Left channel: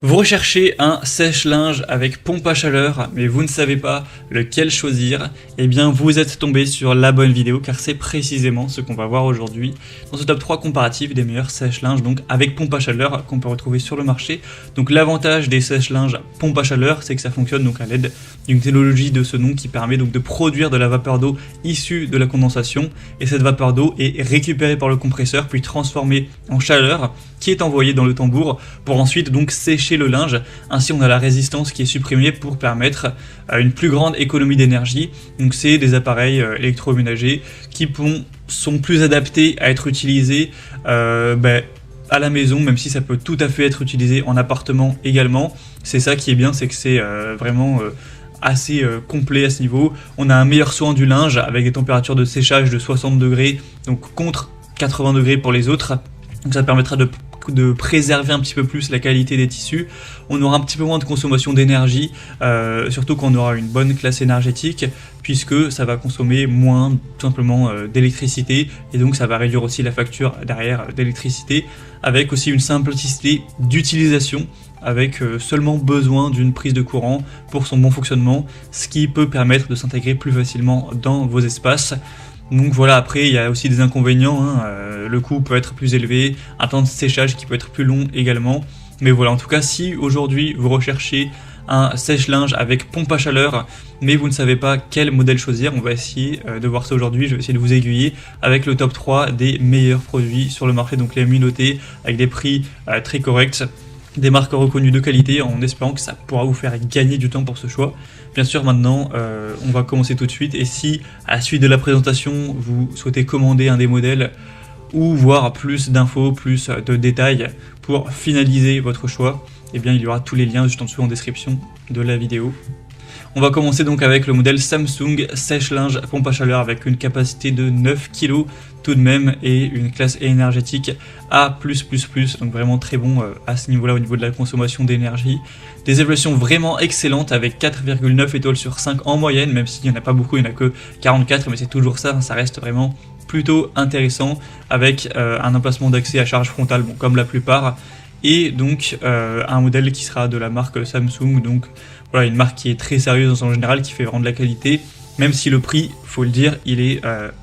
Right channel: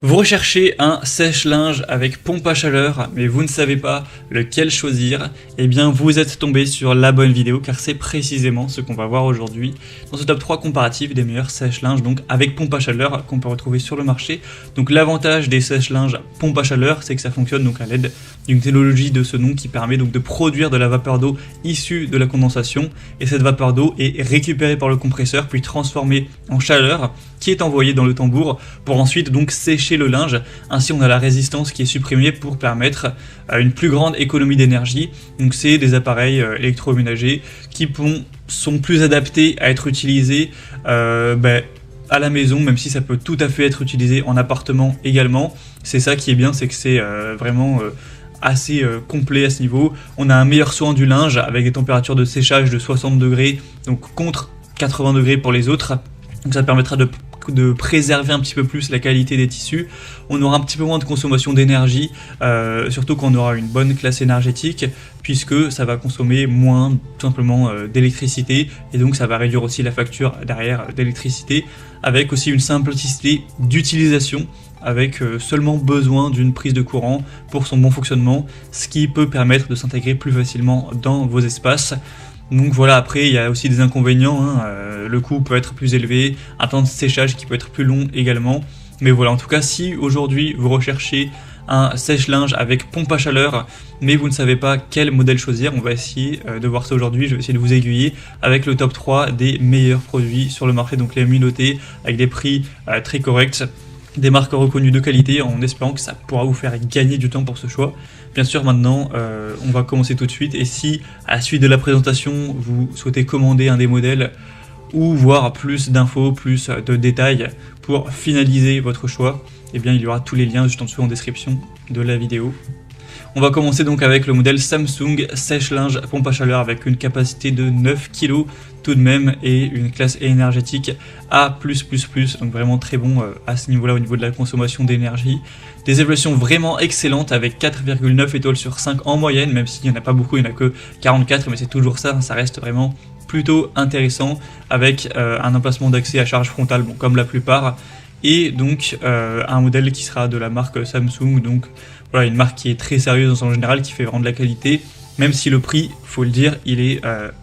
Vous recherchez un sèche-linge avec pompe à chaleur, mais vous ne savez pas lequel choisir, eh bien vous êtes tombé sur la bonne vidéo car c'est précisément ce qu'on va voir aujourd'hui dans ce top 3 comparatif des meilleurs sèche-linges donc avec pompe à chaleur qu'on peut retrouver sur le marché. Donc l'avantage des sèche-linges pompe à chaleur, c'est que ça fonctionne donc avec une technologie de ce nom qui permet donc de produire de la vapeur d'eau issue de la condensation, et cette vapeur d'eau est récupérée par le compresseur puis transformée en chaleur qui est envoyée dans le tambour pour ensuite donc sécher le linge. Ainsi on a la résistance qui est supprimée pour permettre une plus grande économie d'énergie. Donc c'est des appareils électroménagers qui sont plus adaptés à être utilisés à la maison, même si ça peut tout à fait être utilisé en appartement également. C'est ça qui est bien, c'est que c'est vraiment assez complet à ce niveau. On a un meilleur soin du linge avec des températures de séchage de 60 degrés, donc contre 80 degrés pour les autres. Donc ça permettra de préserver un petit peu plus la qualité des tissus. On aura un petit peu moins de consommation d'énergie, surtout quand on aura une bonne classe énergétique, puisque ça va consommer moins tout simplement d'électricité, et donc ça va réduire aussi la facture derrière d'électricité, avec aussi une simplicité d'utilisation, avec seulement besoin d'une prise de courant pour son bon fonctionnement, ce qui peut permettre de s'intégrer plus facilement dans vos espaces. Donc voilà, après il y a aussi des inconvénients, le coût peut être plus élevé, un temps de séchage qui peut être plus long également. Mais voilà, en tout cas, si aujourd'hui vous recherchez un sèche-linge avec pompe à chaleur, mais vous ne savez pas quel modèle choisir, on va essayer de voir ça aujourd'hui. Je vais essayer de vous aiguiller avec le top 3 des meilleurs produits sur le marché, donc les mieux notés, avec des prix très corrects, des marques reconnues de qualité, en espérant que ça pourra vous faire gagner du temps pour ce choix. Bien sûr, maintenant, on va commencer tout de suite, et si à la suite de la présentation, vous souhaitez commander un des modèles, ou voir plus d'infos, plus de détails pour finaliser votre choix, eh bien il y aura tous les liens juste en dessous en description de la vidéo. On va commencer donc avec le modèle Samsung sèche-linge pompe à chaleur avec une capacité de 9 kg tout de même et une classe énergétique A+++, donc vraiment très bon à ce niveau-là au niveau de la consommation d'énergie. Des évaluations vraiment excellentes avec 4,9 étoiles sur 5 en moyenne, même s'il n'y en a pas beaucoup, il n'y en a que 44, mais c'est toujours ça, ça reste vraiment plutôt intéressant, avec un emplacement d'accès à charge frontale, bon, comme la plupart, et donc un modèle qui sera de la marque Samsung, donc voilà, une marque qui est très sérieuse en général, qui fait vraiment de la qualité, même si le prix, faut le dire, il est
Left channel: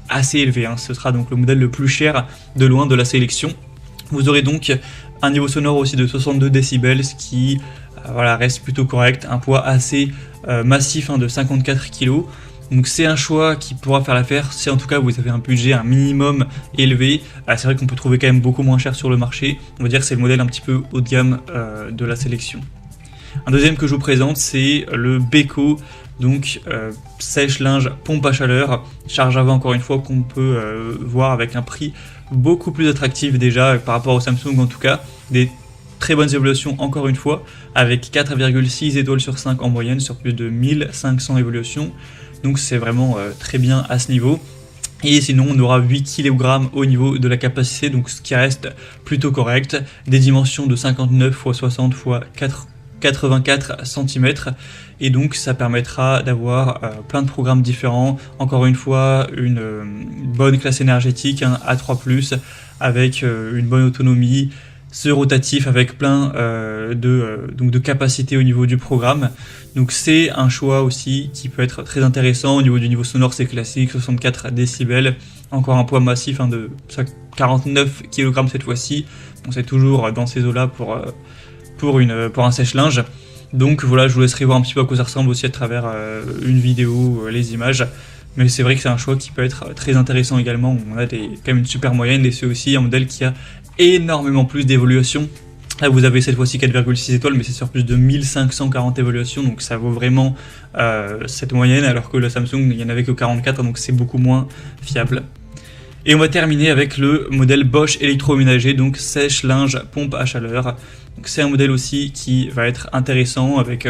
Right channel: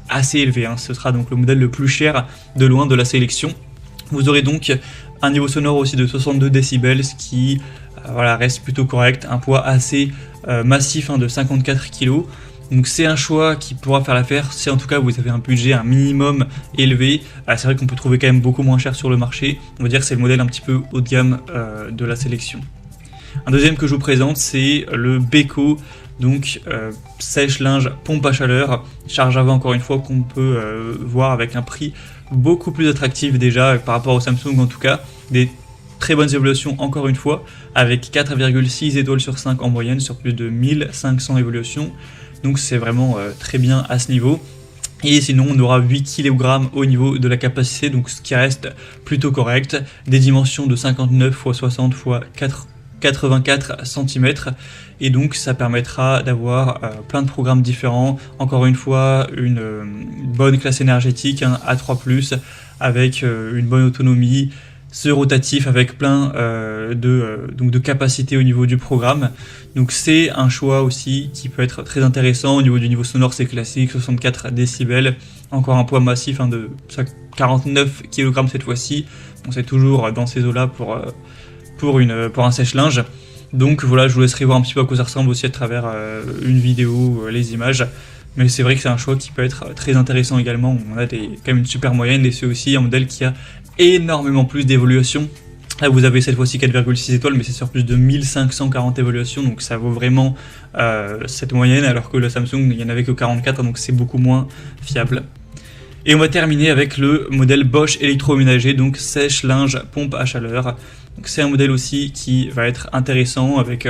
assez élevé, Ce sera donc le modèle le plus cher de loin de la sélection. Vous aurez donc un niveau sonore aussi de 62 décibels, ce qui reste plutôt correct, un poids assez massif de 54 kg. Donc c'est un choix qui pourra faire l'affaire si en tout cas vous avez un budget un minimum élevé. C'est vrai qu'on peut trouver quand même beaucoup moins cher sur le marché. On va dire que c'est le modèle un petit peu haut de gamme de la sélection. Un deuxième que je vous présente, c'est le Beko, donc sèche-linge pompe à chaleur, charge avant encore une fois, qu'on peut voir avec un prix beaucoup plus attractif déjà par rapport au Samsung, en tout cas des très bonnes évaluations encore une fois, avec 4,6 étoiles sur 5 en moyenne sur plus de 1500 évaluations. Donc c'est vraiment très bien à ce niveau. Et sinon on aura 8 kg au niveau de la capacité, donc ce qui reste plutôt correct. Des dimensions de 59 x 60 x 84 cm. Et donc ça permettra d'avoir plein de programmes différents. Encore une fois, une bonne classe énergétique, A3+, avec une bonne autonomie. Ce rotatif avec plein de capacités au niveau du programme. Donc c'est un choix aussi qui peut être très intéressant. Au niveau du niveau sonore, c'est classique, 64 décibels. Encore un poids massif de 49 kg cette fois-ci. Donc c'est toujours dans ces eaux-là pour un sèche-linge. Donc voilà, je vous laisserai voir un petit peu à quoi ça ressemble aussi à travers une vidéo, les images. Mais c'est vrai que c'est un choix qui peut être très intéressant également. On a quand même une super moyenne, et c'est aussi un modèle qui a énormément plus d'évaluations. Là vous avez cette fois-ci 4,6 étoiles, mais c'est sur plus de 1540 évaluations, donc ça vaut vraiment cette moyenne, alors que la Samsung il n'y en avait que 44, donc c'est beaucoup moins fiable. Et on va terminer avec le modèle Bosch électroménager, donc sèche-linge pompe à chaleur. C'est un modèle aussi qui va être intéressant avec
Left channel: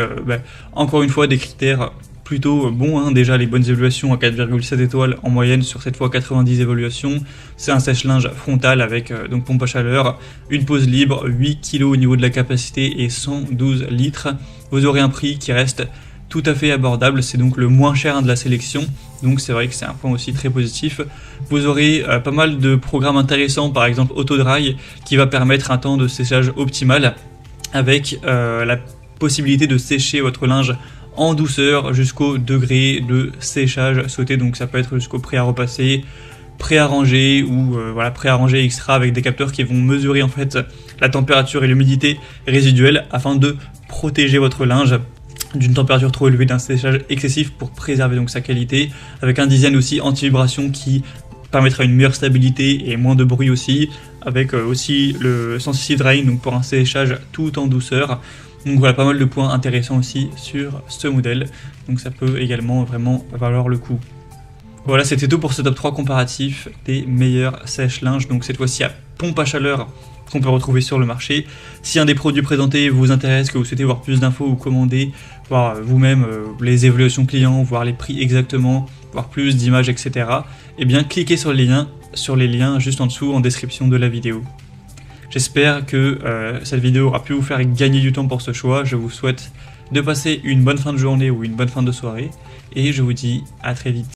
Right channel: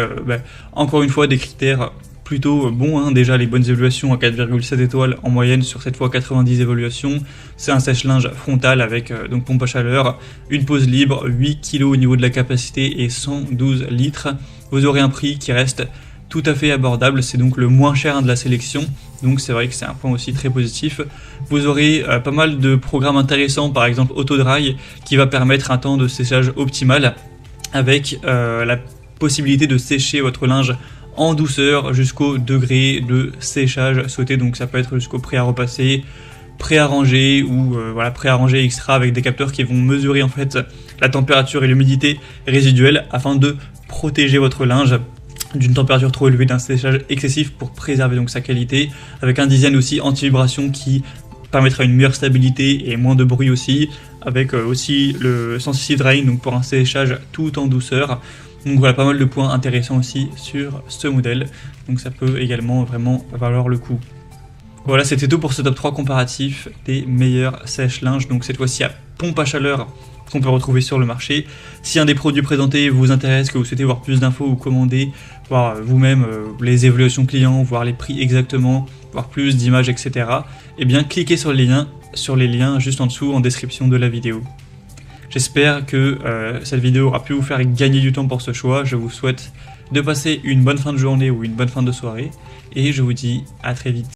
encore une fois des critères plutôt bon, déjà les bonnes évaluations à 4,7 étoiles en moyenne sur cette fois 90 évaluations. C'est un sèche-linge frontal avec donc pompe à chaleur, une pose libre, 8 kg au niveau de la capacité et 112 litres. Vous aurez un prix qui reste tout à fait abordable, c'est donc le moins cher de la sélection, donc c'est vrai que c'est un point aussi très positif. Vous aurez pas mal de programmes intéressants, par exemple Autodry qui va permettre un temps de séchage optimal avec la possibilité de sécher votre linge en douceur jusqu'au degré de séchage souhaité. Donc ça peut être jusqu'au prêt à repasser, prêt à ranger ou voilà, prêt à ranger extra avec des capteurs qui vont mesurer en fait la température et l'humidité résiduelle afin de protéger votre linge d'une température trop élevée, d'un séchage excessif pour préserver donc sa qualité, avec un design aussi anti-vibration qui permettra une meilleure stabilité et moins de bruit aussi, avec aussi le sensitive drying donc pour un séchage tout en douceur. Donc voilà, pas mal de points intéressants aussi sur ce modèle, donc ça peut également vraiment valoir le coup. Voilà, c'était tout pour ce top 3 comparatif des meilleurs sèche-linge, donc cette fois-ci à pompe à chaleur qu'on peut retrouver sur le marché. Si un des produits présentés vous intéresse, que vous souhaitez voir plus d'infos ou commander, voir vous-même les évaluations clients, voir les prix exactement, voir plus d'images, etc., eh bien cliquez sur les liens juste en dessous en description de la vidéo. J'espère que cette vidéo a pu vous faire gagner du temps pour ce choix. Je vous souhaite de passer une bonne fin de journée ou une bonne fin de soirée et je vous dis à très vite.